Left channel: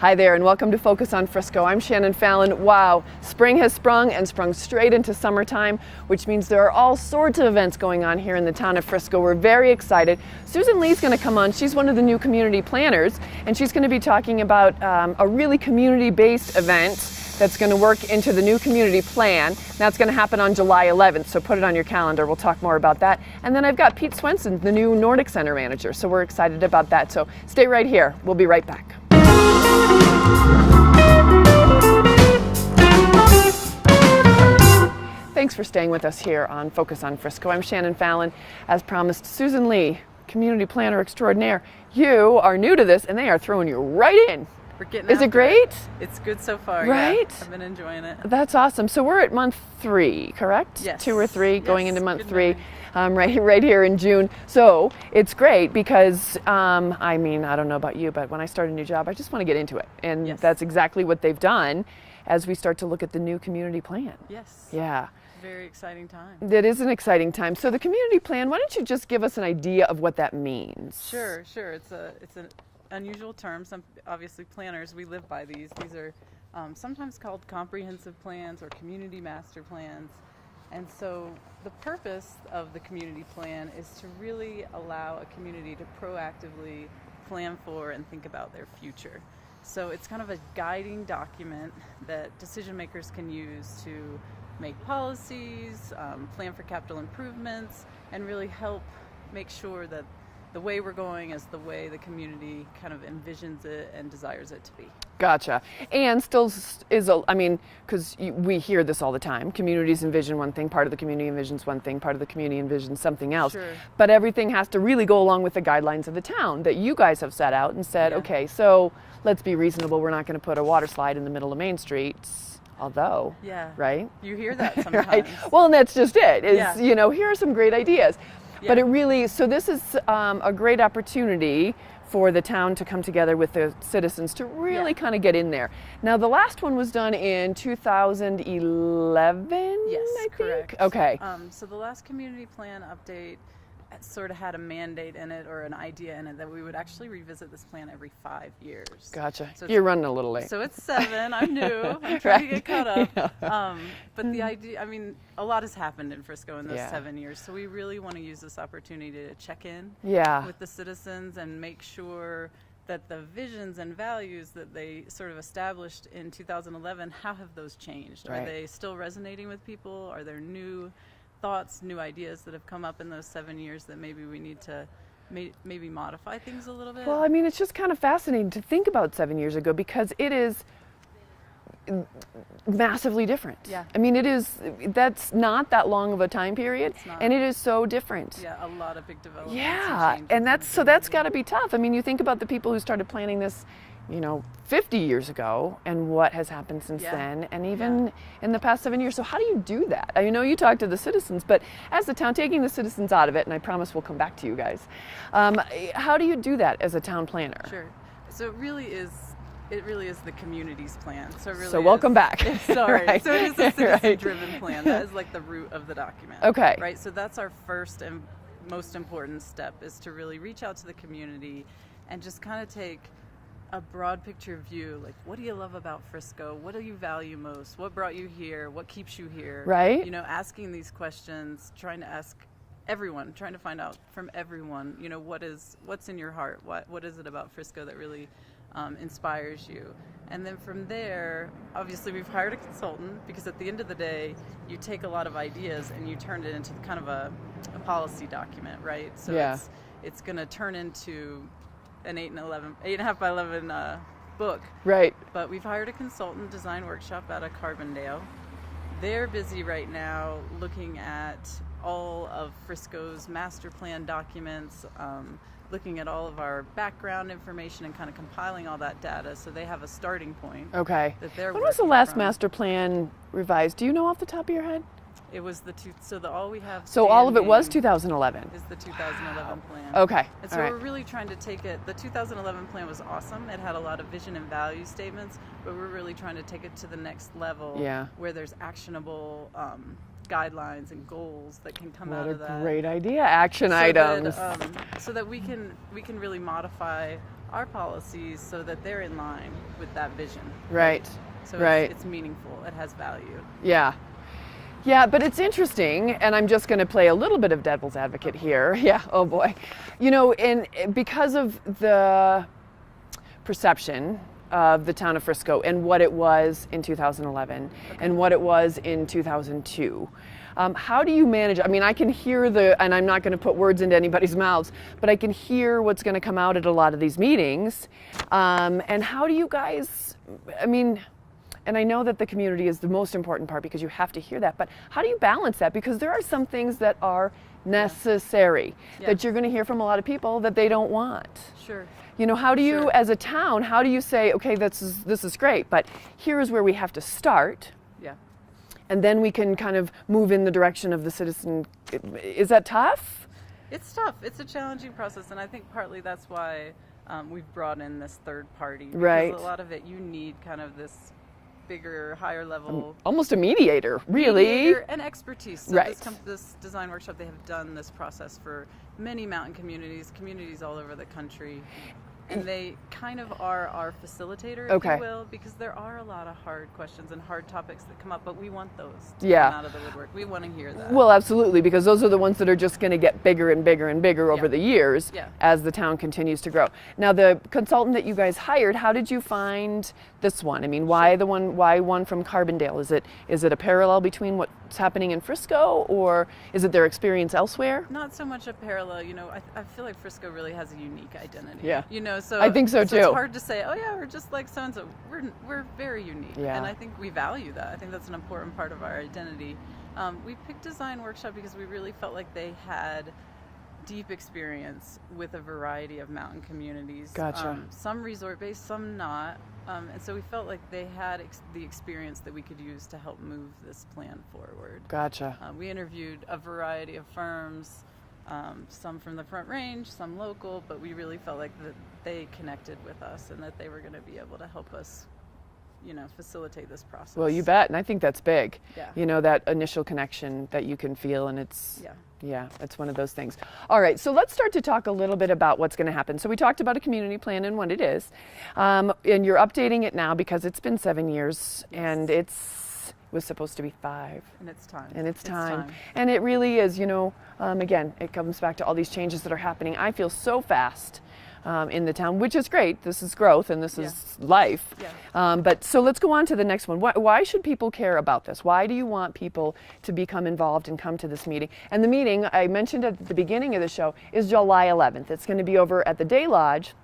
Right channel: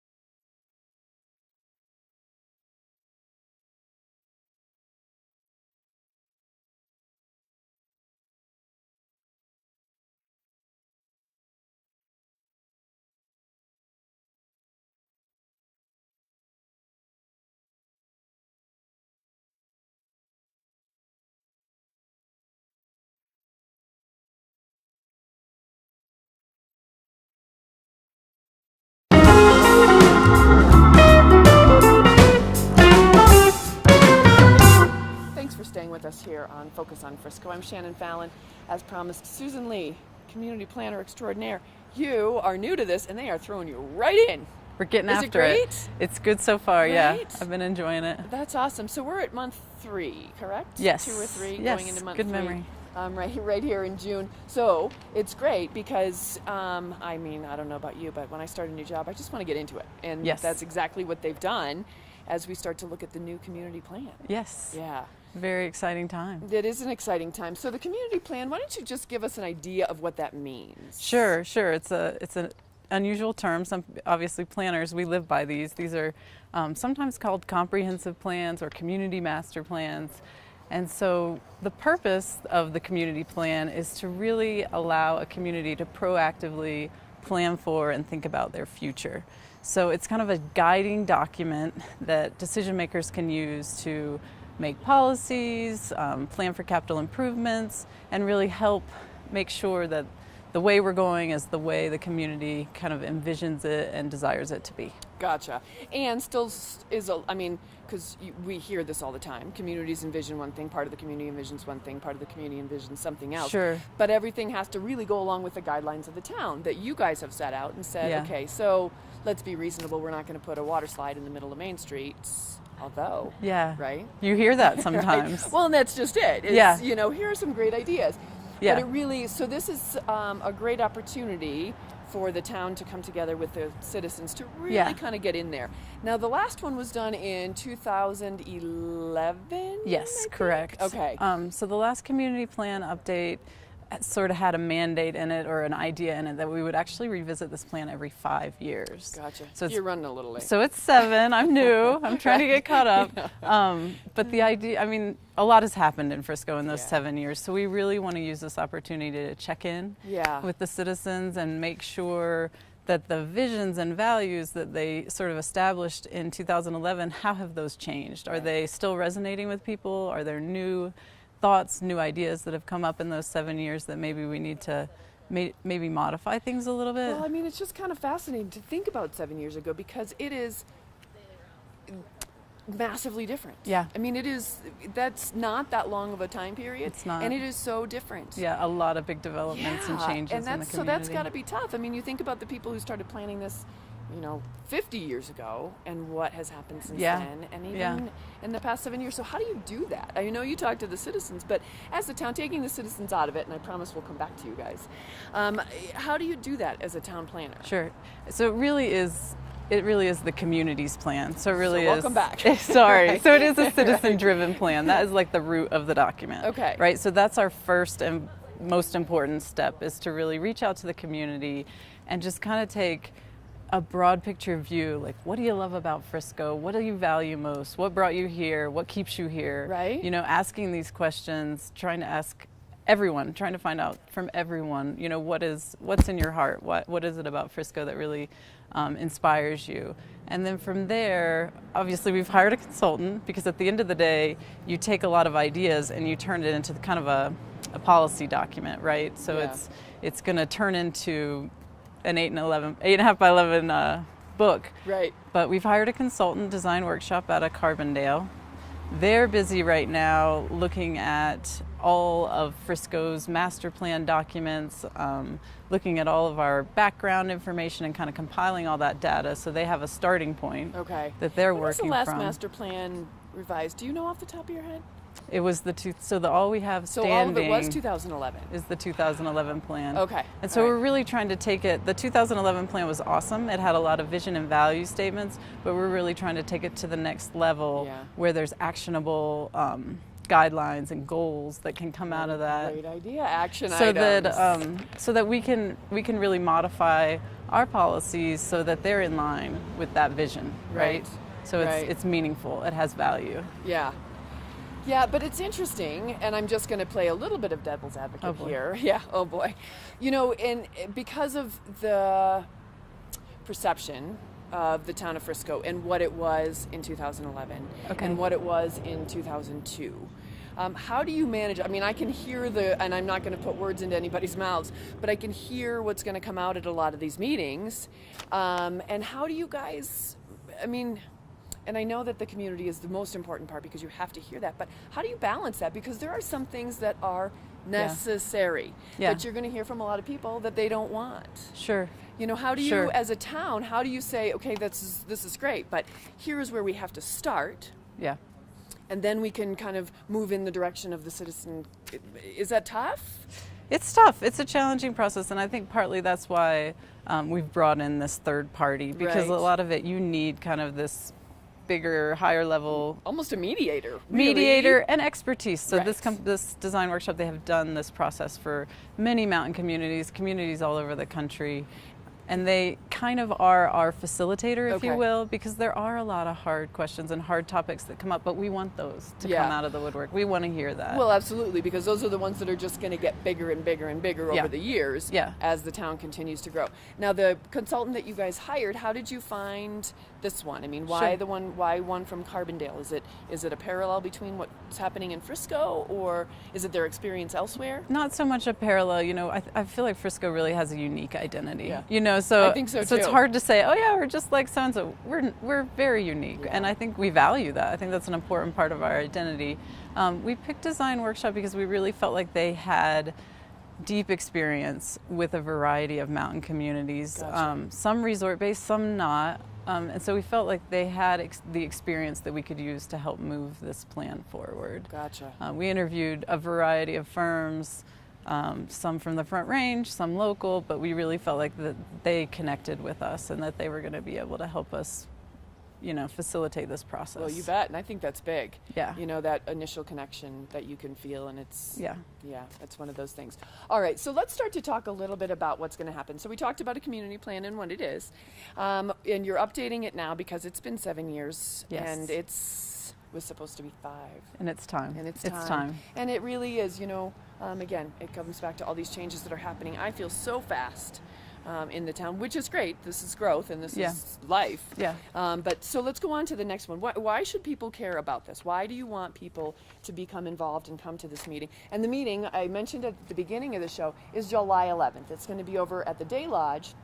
Hi there, and welcome to Focus on Frisco. I'm Shannon Fallon. Wow, spring has sprung and sprung straight into summertime, which means there are all sorts of events going on here in the town of Frisco. We're very excited. Susan Lee's going to come on. She's one of the new community planners, and she's going to be talking about a really community-based event that's going to work into the new community plan. That's going to happen on July 11th, so put it on your calendar. We'll talk more about that. And then I've got Pete Swenson, the new Nordic Center manager, so we're excited about that. So stay right here. We'll be right back. Thanks for staying with us here on Focus on Frisco. I'm Shannon Fallon. As promised, Susan Lee, community planner extraordinaire. You are new to this, and they are throwing you right in. We're getting Is it great? It's good so far, right? Yeah. I've been enjoying it. That's awesome. So we're at month 3, correct? Yes. 2 or 3, yes. going into month Good 3. memory. Right here in June. So it's great because, I mean, I don't know about you, but when I start a new job, I just want to get into it. And yes. That's exactly what they've done as we start to look at the new community plan. Yes. Yeah. Very exciting time. It is an exciting time. So the community plan, why don't you just give us an idea of what that means? Sure. It's an unusual term. Some obviously planners, we live by these. These are sometimes called comprehensive plans or community master plans. And so the purpose of the community plan is to really allow a community to proactively plan for and think about their future. So it's kind of a guiding document that decision makers can use to make policies, plan for capital improvements, and really help make sure that the way we're going is the way the community kind of envisions it and desires it to be. Gotcha. And still is, I mean, because we hear this all the time. Communities envision one thing, part of the community envisions one thing, part of the community envisions something else. Sure. But everything has to really go along with the guidelines of the town that you guys have set out and said, Yeah. okay, so let's be reasonable. We're not going to put a water slide in the middle of Main Street. Although, Yeah. right? You hear that sometimes. Right? Well, and that's just it. Is, Yeah. You know, here are some great ideas. Yeah. But it really, so this is a great opportunity for the town to come together with the citizens to really Yeah. kind of get in there. Now, the last one was done in 2011? Yes, I think? correct. Okay. So the last community plan update sort of had a mandate in it or an idea in it that we would actually revisit this plan every 5 years. Gotcha. So You're running a little late. So it's 7. I'm new. I'm trying to get caught up. Yeah. But the idea, I mean, a lot has happened in Frisco in those Yeah. 7 years. So we really want to use this opportunity to check in Yeah. with the citizens and make sure that the visions and values that they sort of established in 2011, how have those changed? Right. Are they still resonating with people? Are there new thoughts, new ideas that have come up in those 7 years that maybe we need to maybe modify things a little bit? Well, I mean, it's just kind of fascinating to think about 7 years ago because it is massively different. Yeah. I mean, that's not that long of a time period. It's not. And it is so different. Yeah, a lot of big developments and Yeah, changes. and in the that's community. got to be tough. I mean, you think about the people who started planning this, 50 years ago, and what has happened since Yeah. then, and even in the past 7 years. So how do you do that? I know you talk to the citizens, but as the town, taking the citizens out of it, and I promise we'll come back to you guys. How do you do that as a town planner? Sure. So it really is the community's plan. So it really So welcome back. Sorry. Right. So it is a citizen-driven plan. That is like the root of the document. Okay. Right. So that's our first and most important step, is to really reach out to the community and just kind of take a broad picture view. Like, what do you love about Frisco? What do you value most? What brought you here? What keeps you here? Right. Asking these questions, trying to ask everyone, trying to find out from everyone, what's in your heart? What is it about Frisco that really inspires you? And then from there, obviously we've hired a consultant, because at the end of the day, you take a lot of ideas and you turn it into kind of a policy document, right? So Yeah. it's going to turn into an 8.5 by 11 book. Right. But we've hired a consultant, design workshop out of Carbondale. They're busy right now looking at all of Frisco's master plan documents, looking at all of our background information and kind of compiling all that data, so they have a starting point. Okay. That they're When was the working last from. master plan revised? Do you know off the top of your head? It was all we have So all of it was standing 2011. is the 2011 plan. Okay. And so All right. we're really trying to take it, the 2011 plan was awesome. It had a lot of vision and value statements, but we're really trying to take it to the next level, Yeah. where there's actionable guidelines and goals that can come out of that. Great idea. Action so items. that we can really modify our policies so that they're in line with that vision. Right. So Right. it's meaningful. It has value. Yeah. Yeah, but it's interesting, and I'm just going to play a little bit of devil's advocate here. Yeah, oh boy. You know, and because of the perception of the town of Frisco and what it was in 2011 and what it was in 2002, how do you manage? I mean, I can hear and I'm not going to put words into anybody's mouths, but I can hear what's going to come out at a lot of these meetings. And how do you guys, I mean, and I know that the community is the most important part because you have to hear that, but how do you balance that? Because there are some things that are necessary that you're going to hear from a lot of people that they don't want. Sure. You know, how do you, as a town, how do you say, okay, this is great, but here is where we have to start, Yeah. and then we can kind of move in the direction of the citizen. Is that tough? It's tough. It's a challenging process, and I think partly that's why we've brought in this third party, because a lot of it you need kind of this bigger, higher level, almost a mediator, really. Mediator and expertise. So Right. this design workshop, they have done this process for many mountain communities all over the country. And they kind of are our facilitator, if you will, because there are a lot of hard questions and hard topics that come up, but we want those to come out of the woodwork. We want to hear that. Well, absolutely, because those are the ones that are just going to get bigger and bigger and bigger over the years as the town continues to grow. Now, the consultant that you guys hired, how did you find this one? I mean, why why one from Carbondale? Is it a parallel between what's happening in Frisco, or is it their experience elsewhere? Not so much a parallel. You know, I feel like Frisco really has a unique identity. Yeah. You know, so I think so too. It's hard to say, oh yeah, we're just like so-and-so. We're very unique, and I think we value that. I think that's an important part of our identity. We picked Design Workshop because we really felt like they had deep experience with a variety of mountain communities. Gotcha. Some resort-based, some not. And so we felt like they had the experience that we could use to help move this plan forward. Gotcha. We interviewed a variety of firms, some from the Front Range, some local, but we really felt like that they connected with us and that they were going to be able to help us, you know, facilitate this process. Well, you bet, and I think that's big. Yeah. You know, that initial connection that you can feel, and it's yeah, it's one of those things. All right, so let's start to talk a little bit about what's going to happen. So we talked about a community plan and what it is, and you're updating it now because it's been 7 years, and was supposed to be 5. And it's time. And it's time. And it really is, you know, again, it comes back to all these changes that are happening. I feel so fast in the town, which is great. This is growth and this is life. Yeah. But so let's go on to the next one. Why should people care about this? Why do you want people to become involved and come to this meeting? And the meeting, I mentioned at the beginning of the show, is July 11th. It's going to be over at the Day Lodge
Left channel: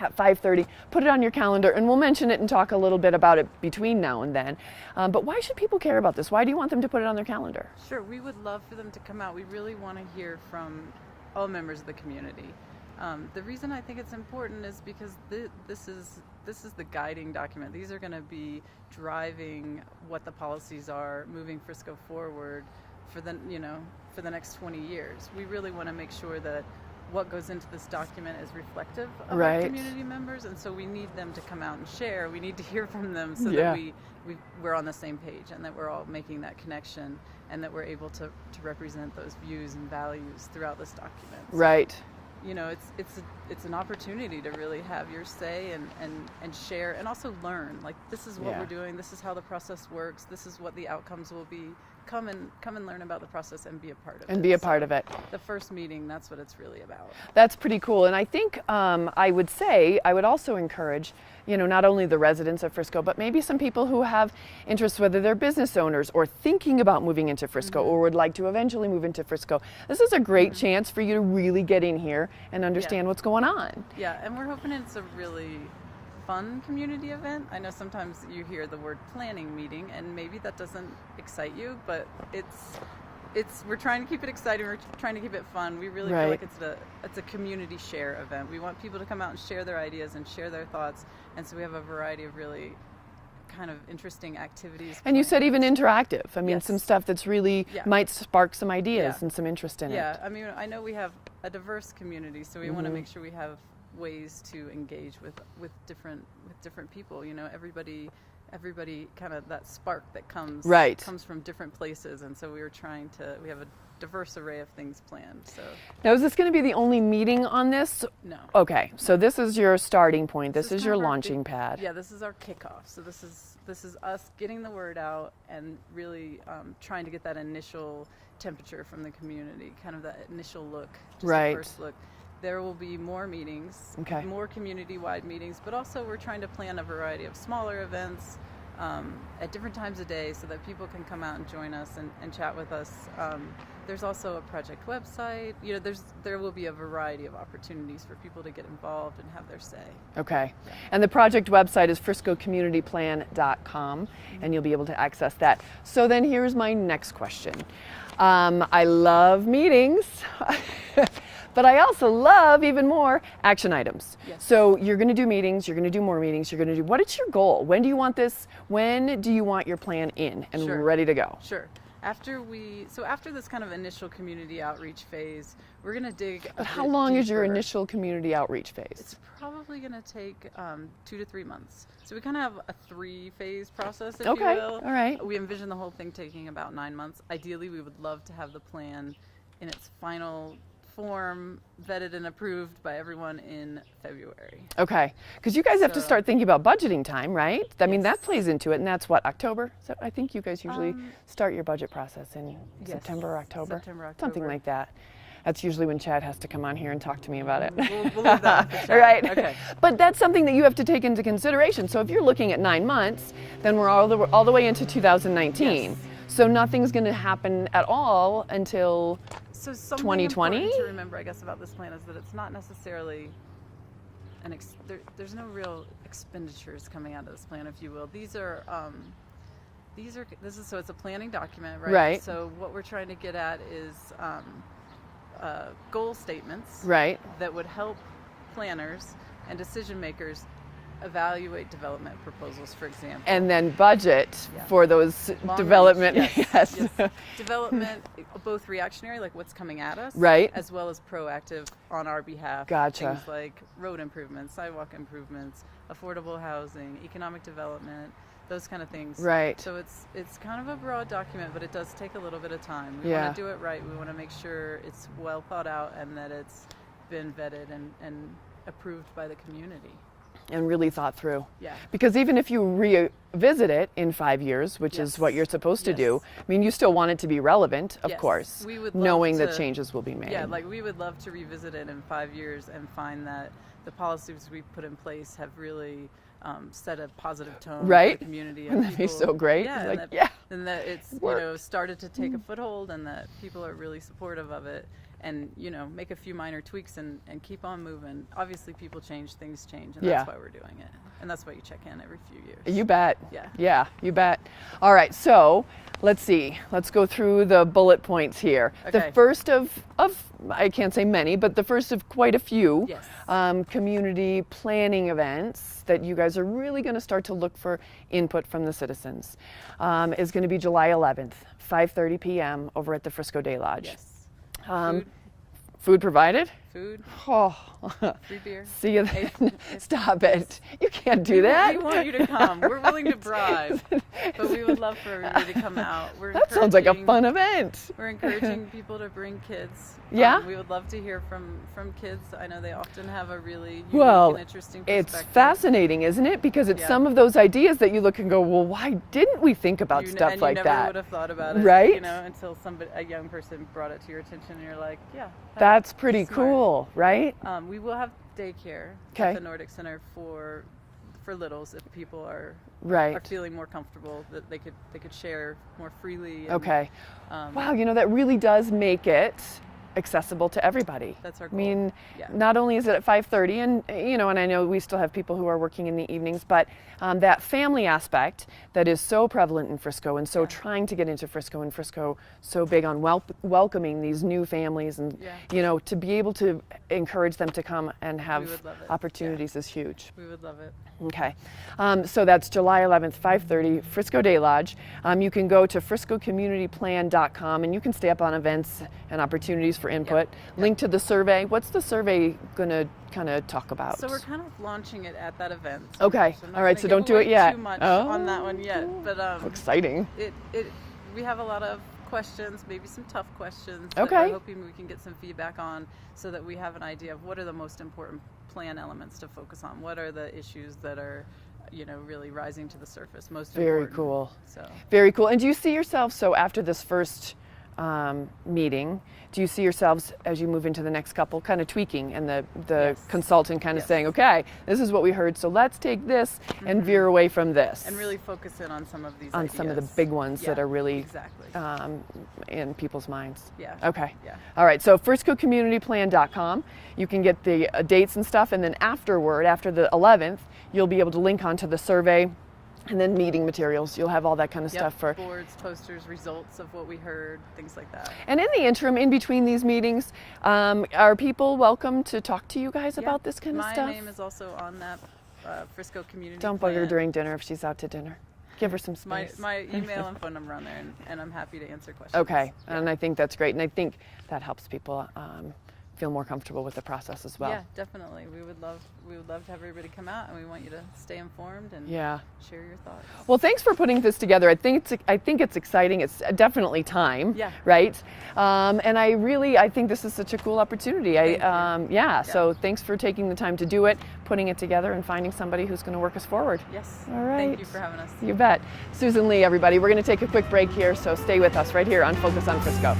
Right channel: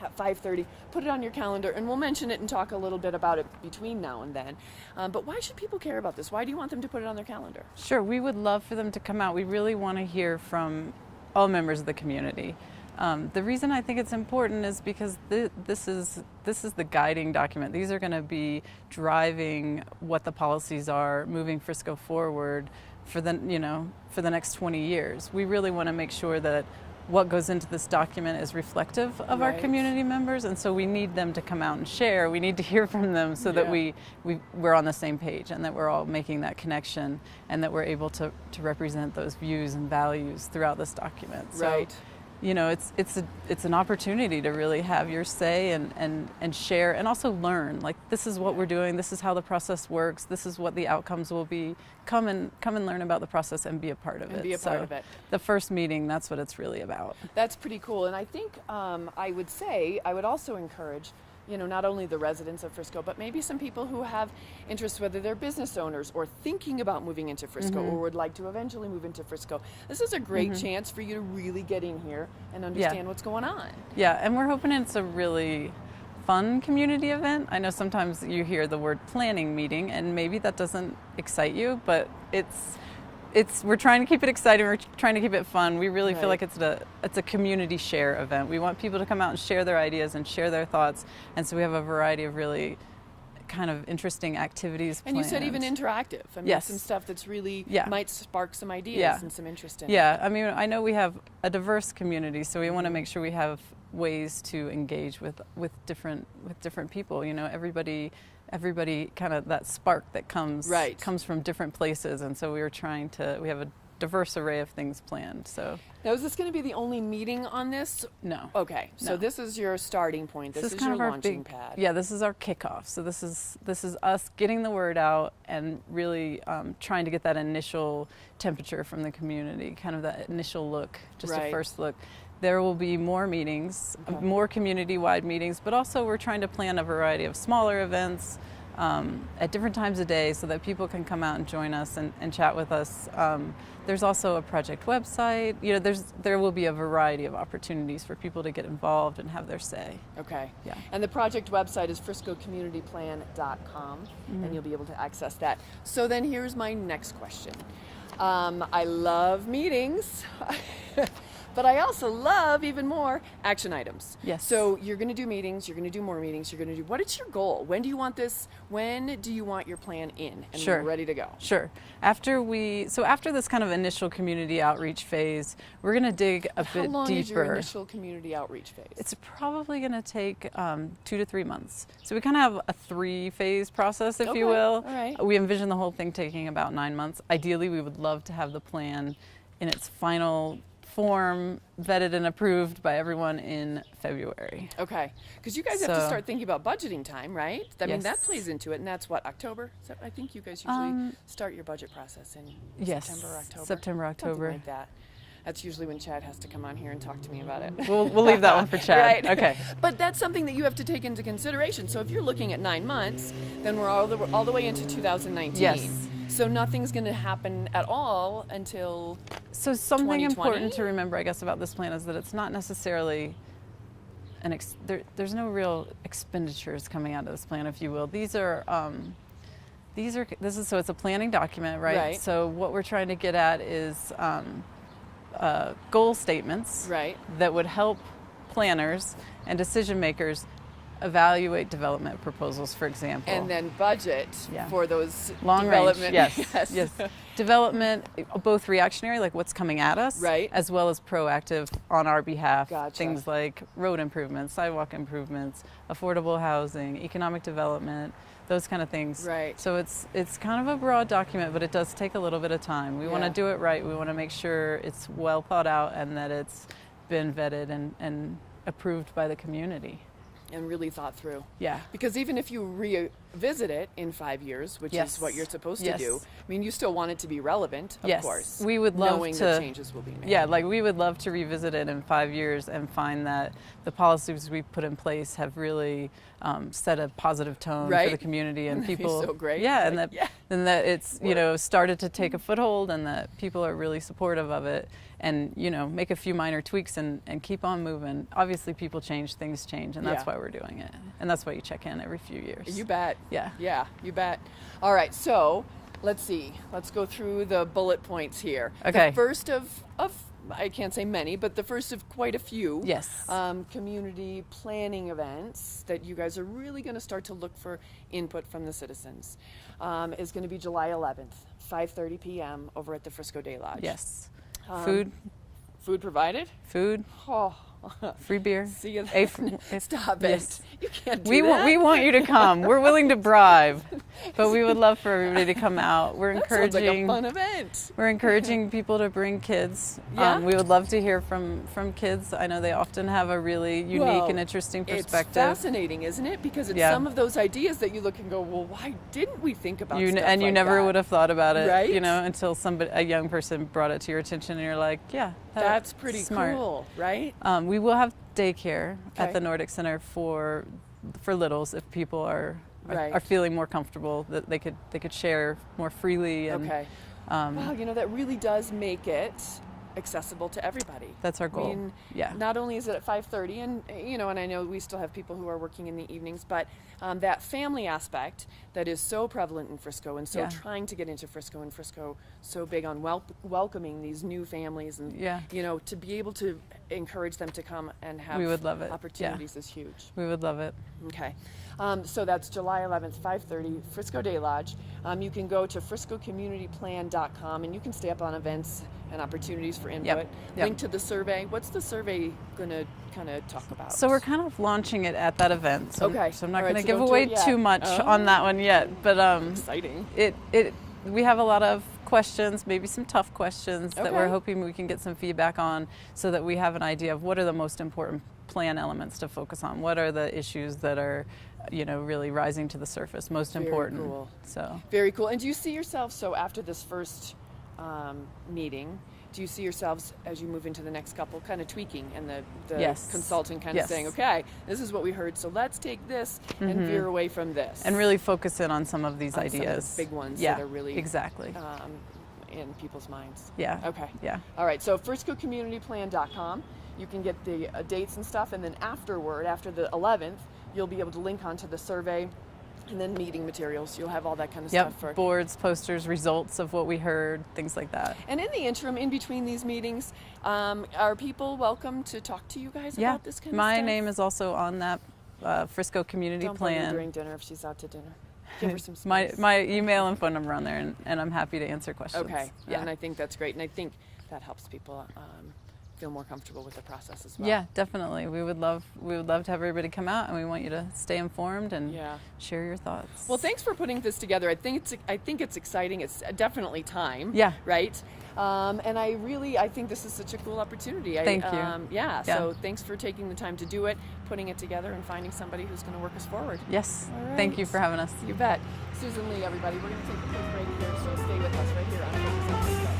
at 5:30. Put it on your calendar, and we'll mention it and talk a little bit about it between now and then. But why should people care about this? Why do you want them to put it on their calendar? Sure, we would love for them to come out. We really want to hear from all members of the community. The reason I think it's important is because this is the guiding document. These are going to be driving what the policies are, moving Frisco forward for the next 20 years. We really want to make sure that what goes into this document is reflective of our community members, and so we need them to come out and share. We need to hear from them so that we're on the same page and that we're all making that connection and that we're able to represent those views and values throughout this document. So, Right. you know, it's an opportunity to really have your say and share and also learn. Like, this is what we're doing. This is how the process works. This is what the outcomes will be. Come and learn about the process and be a part of it. And be a part of it. The first meeting, that's what it's really about. That's pretty cool. And I think I would also encourage, you know, not only the residents of Frisco, but maybe some people who have interests, whether they're business owners or thinking about moving into Frisco or would like to eventually move into Frisco. This is a great chance for you to really get in here and understand what's going on. Yeah, and we're hoping it's a really fun community event. I know sometimes you hear the word planning meeting and maybe that doesn't excite you, but we're trying to keep it exciting. We're trying to keep it fun. We really feel like it's a community share event. We want people to come out and share their ideas and share their thoughts, and so we have a variety of really kind of interesting activities. And you said even interactive. I mean, some stuff that's really might spark some ideas and some interest in it. Yeah, I mean, I know we have a diverse community, so we want to make sure we have ways to engage with different people. You know, everybody kind of that spark that comes from different places, and so we have a diverse array of things planned. So Now, is this going to be the only meeting on this? no. Okay, so this is your starting point. This is kind your of our launching big- pad. Yeah, this is our kickoff. So this is us getting the word out and really trying to get that initial temperature from the community, kind of that initial look, just Right. a first look. There will be more meetings, Okay. more community-wide meetings, but also we're trying to plan a variety of smaller events at different times of day so that people can come out and join us and chat with us. There's also a project website. You know, there will be a variety of opportunities for people to get involved and have their say. Okay. Yeah. And the project website is friscocommunityplan.com, and you'll be able to access that. So then here's my next question. I love meetings, but I also love even more action items. Yes. So you're going to do meetings, you're going to do more meetings, you're going to do, what is your goal? When do you want this? When do you want your plan in and Sure. ready to go? Sure. After this kind of initial community outreach phase, we're going to dig a bit How long deeper. is your initial community outreach phase? It's probably going to take 2 to 3 months. So we kind of have a 3-phase process, if you Okay, will. all right. We envision the whole thing taking about 9 months. Ideally, we would love to have the plan in its final form vetted and approved by everyone in February. Okay, because you guys have to So- start thinking about budgeting time, right? I mean, that Yes. plays into it, and that's what, October? I think you guys usually start your budget process in Yes, September, October? September, Something October. like that. That's usually when Chad has to come on here and talk to me about it. We'll leave that one for Chad. Right. Okay. But that's something that you have to take into consideration. So if you're looking at 9 months, then we're all the way into 2019. Yes. So nothing's going to happen at all until So something 2020? important to remember, I guess, about this plan is that it's not necessarily there's no real expenditures coming out of this plan, if you will. This is so it's a planning document, right? Right. So what we're trying to get at is goal statements right. that would help planners and decision makers evaluate development proposals, for example. And then budget Yeah. for those Long development. range, yes. Development, both reactionary, like what's coming at us, Right. as well as proactive on our behalf. Gotcha. Things like road improvements, sidewalk improvements, affordable housing, economic development, those kind of things. Right. So it's kind of a broad document, but it does take a little bit of time. We Yeah. want to do it right. We want to make sure it's well thought out and that it's been vetted and approved by the community. And really thought through. Yeah. Because even if you revisit it in 5 years, which is what Yes. you're supposed to Yes. do, I mean, you still want it to be relevant, of Yes. course. We would love knowing that to- changes will be made. Yeah, like we would love to revisit it in 5 years and find that the policies we've put in place have really set a positive tone Right? for the community, Wouldn't and that be people. so great? Yeah, Like, and yeah. it's started to take a foothold, and that people are really supportive of it, and make a few minor tweaks and keep on moving. Obviously, people change, things change, and that's Yeah. why we're doing it, and that's why you check in every few years. You bet. Yeah. Yeah, you bet. All right, so let's see. Let's go through the bullet points here. Okay. The first of I can't say many, but the first of quite a few Yes. community planning events that you guys are really going to start to look for input from the citizens is going to be July 11th, 5:30 p.m. over at the Frisco Day Lodge. Yes. Food provided? Food, Oh, free beer. see you A- then. Stop it. Yes. You can't do We that. want you to come. We're willing to bribe, but we would love for everybody to come out. That sounds like a fun event. We're encouraging people to bring kids. Yeah? We would love to hear from kids. I know they often have a really unique Well, and interesting It's perspective. fascinating, isn't it? Because it's Yeah. some of those ideas that you look and go, well, why didn't we think about You, stuff and like you never that? would have thought about it, Right? until a young person brought it to your attention, and you're like, yeah, That's pretty smart. cool, right? We will have daycare Okay. at the Nordic Center for littles if people are Right. feeling more comfortable that they could share more freely. And, Okay. Wow, that really does make it accessible to everybody. That's our I goal. mean, Yeah. not only is it at 5:30, and and I know we still have people who are working in the evenings, but that family aspect that is so prevalent in Frisco and so Yeah. trying to get into Frisco, and Frisco so big on welcoming these new families, and Yeah. to be able to encourage them to come and have We would love it. Yeah. opportunities is huge. We would love it. Okay, so that's July 11th, 5:30, Frisco Day Lodge. You can go to friscocommunityplan.com and you can stay up on events and opportunities for input. Yep. Link to the survey. What's the survey going to kind of talk about? So we're kind of launching it at that event. So, Okay. So I'm not All right, going to so give don't do away it yet. too much Oh. on that one yet. But exciting. we have a lot of questions, maybe some tough questions that Okay. we're hoping we can get some feedback on, so that we have an idea of what are the most important plan elements to focus on. What are the issues that are, really rising to the surface, most Very important. cool. So. Very cool. And do you see yourself, so after this first meeting, do you see yourselves as you move into the next couple kind of tweaking, and the Yes. consultant kind of Yes. saying, okay, this is what we heard, so let's take this and veer away from this. And really focus in on some of these on ideas. some of the big ones Yeah, that are really exactly. in people's minds. Yeah. Okay. Yeah. All right, so friscocommunityplan.com. You can get the dates and stuff, and then afterward, after the 11th, you'll be able to link onto the survey and then meeting materials. You'll have all that kind of Yep. stuff for. Boards, posters, results of what we heard, things like that. And in the interim, in between these meetings, are people welcome to talk to you guys Yeah. about this kind of My stuff? name is also on that Frisco Community Don't Plan. bug her during dinner if she's out to dinner. Give her some space. My email and phone number on there, and I'm happy to answer questions. Okay, Yeah. and I think that's great, and I think that helps people feel more comfortable with the process as well. Yeah, definitely. We would love to have everybody come out, and we want you to stay informed and Yeah. share your thoughts. Well, thanks for putting this together. I think it's exciting. It's definitely time. Yeah. Right. And I think this is such a cool opportunity. Thank you. Yeah. So thanks for taking the time to do it, putting it together, and finding somebody who's going to work us forward. Yes. All right. Thank you for having us. You bet. Susan Lee, everybody. We're going to take a quick break here, so stay with us right here on Focus on Frisco.